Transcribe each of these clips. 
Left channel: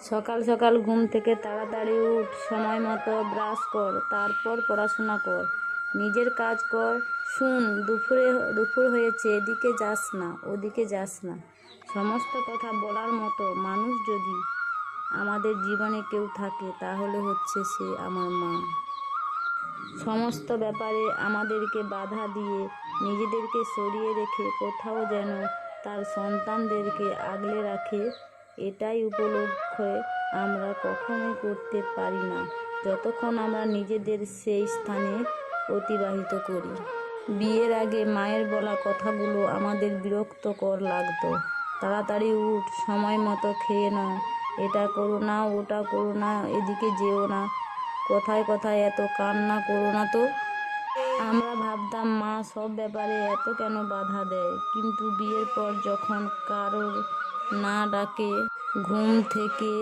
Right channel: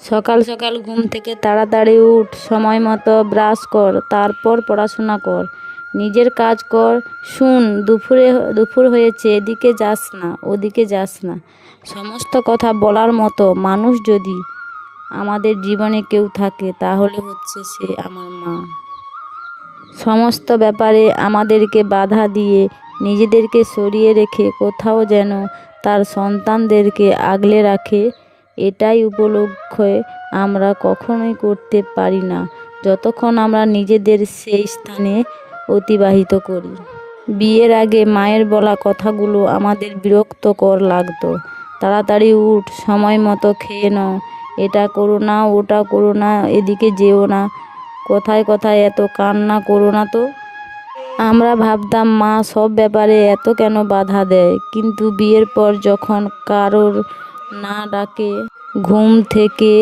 সকাল সকাল ঘুম থেকে তাড়াতাড়ি উঠ, সময় মতো ব্রাশ কর, তারপর পড়াশোনা কর, নিজের কাজ কর। শুন, দুপুর হয়েছে, এদিকে যাস না, ওদিকে যাস না। সমস্ত কথা বলার মতো মানুষ যদি আমাদের জীবনে কেউ থাকে তাহলে হচ্ছে সে আমার মা। সমস্ত ব্যাপারে আমাদেরকে বাধা দিয়ে নিজেদেরকে সরিয়ে রেখে কোথাও যেন তার সন্তানদেরকে আগলে রাখে, এটাই উপলক্ষে আমরা কখনোই করতে পারি না যতক্ষণ আমরা নিজেদের সেই স্থানে অতিবাহিত করি। বিয়ের আগে মায়ের বলা কথাগুলো আমাদের বিরক্তকর লাগতো। তাড়াতাড়ি উঠ, সময় মতো খেয়ে নাও, এটা করো না, ওটা করো না, এদিকে যেও না, কোথায় কোথায় এত কান্না করো না তো। আমরা ভাবতাম মা সব ব্যাপারে এত কেন বাধা দেয়, কিন্তু বিয়ের পর যখন কারোর না ডাকে ঘুম থেকে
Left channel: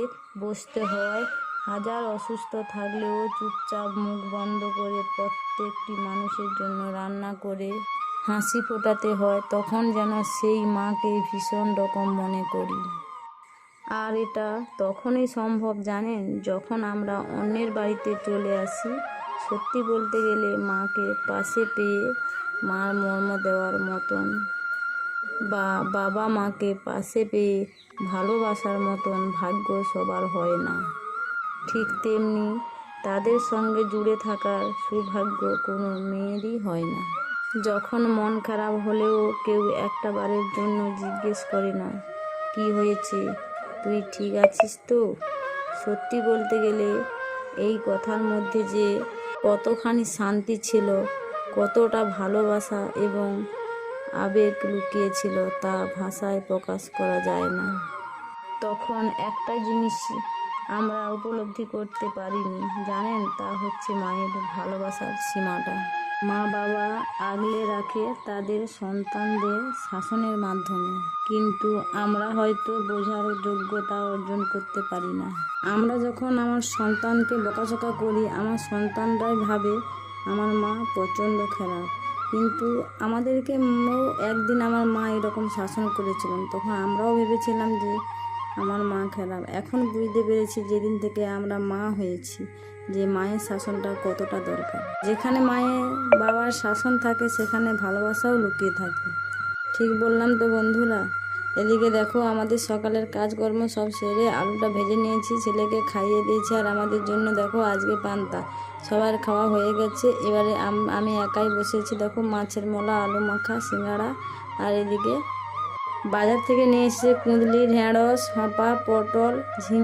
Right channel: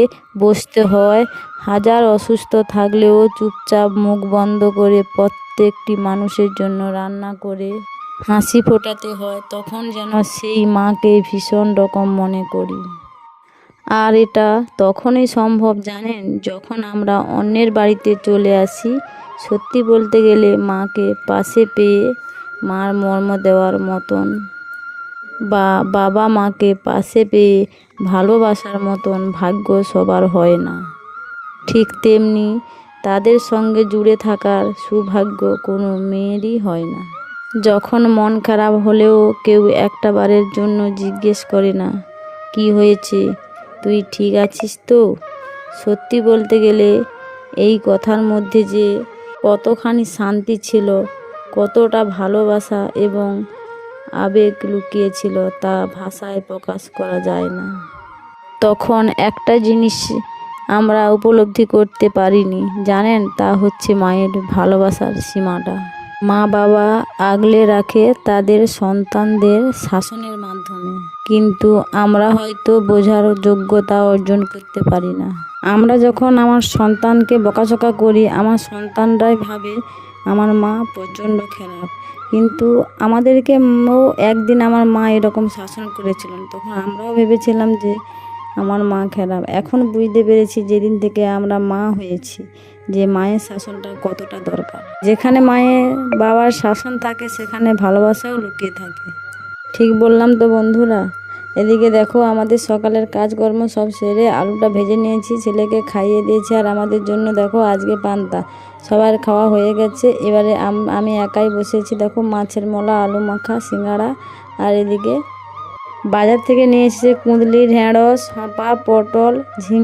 বসতে হয়, হাজার অসুস্থ থাকলেও চুপচাপ মুখ বন্ধ করে প্রত্যেকটি মানুষের জন্য রান্না করে হাসি ফোটাতে হয়, তখন যেন সেই মাকে ভীষণ রকম মনে করি। আর এটা তখনই সম্ভব জানেন, যখন আমরা অন্যের বাড়িতে চলে আসি। সত্যি বলতে গেলে মাকে পাশে পেয়ে মার মর্ম দেওয়ার মতন বা বাবা মাকে পাশে পেয়ে ভালোবাসার মতন ভাগ্য সবার হয় না। ঠিক তেমনি তাদের সঙ্গে জুড়ে থাকার সৌভাগ্য কোনো মেয়েরই হয় না। যখন মন খারাপ হলেও কেউ একটা বারের জন্য জিজ্ঞেস করে না, কি হয়েছে, তুই ঠিক আছিস তো? সত্যি বলতে গেলে এই কথার মধ্যে যে কতখানি শান্তি ছিল, কতটা ভালোবাসা এবং আবেগ লুকিয়ে ছিল তা ভাষায় প্রকাশ করা যায় না। তখন একটা জিনিস আমরা উপলব্ধি করতে পারিনি জানেন, তা হচ্ছে মায়ের ভালোবাসার সীমাটা। মা বাবা আগলে রাখে তাদের সন্তানদের শাসনের মাধ্যমে, কিন্তু আমরা হয়তো বোঝার যোগ্যতা অর্জন করতে পারি না। আমরা যখন আমার সন্তানকে বকাঝকা করি, আমার সন্তানরাই ভাবে আমার মা প্রচণ্ড খারাপ, কিন্তু আমাদেরকেও একদিন আমার মা এরকম শাসন করেছিলেন, তখন আমরাও ভেবেছিলাম যে আমার মা খারাপ। এখন বুঝতে পেরেছি যেদিন থেকে আমরা মা হয়েছি যে মায়ের শাসনটা কতটা দরকার। যেখানে মায়ের বাবার শাসন থাকে সেখানে ভালোবাসাও লুকিয়ে থাকে। ঠিক বললাম তো বন্ধুরা? এদিকে দেখো, আমাদের সকালের কাজকর্ম সব সেরে আলুটা ভেজে নিয়েছি, ছেলেকে খাইয়ে দিয়েছি, আর আমাদের জন্য দেখো আজকে পান্তা। সবার খাওয়া হয়ে গেছে, এবারে আমি একাই বসেছি। দেখো মাছের মোলা, আলু মাখা, সিঙ্গাড়া, আর এদিকে বাজার থেকে নিয়ে এসেছে কুঁদলি, ঢেঁড়স, হাঁপা, পটল, ঝিঙে।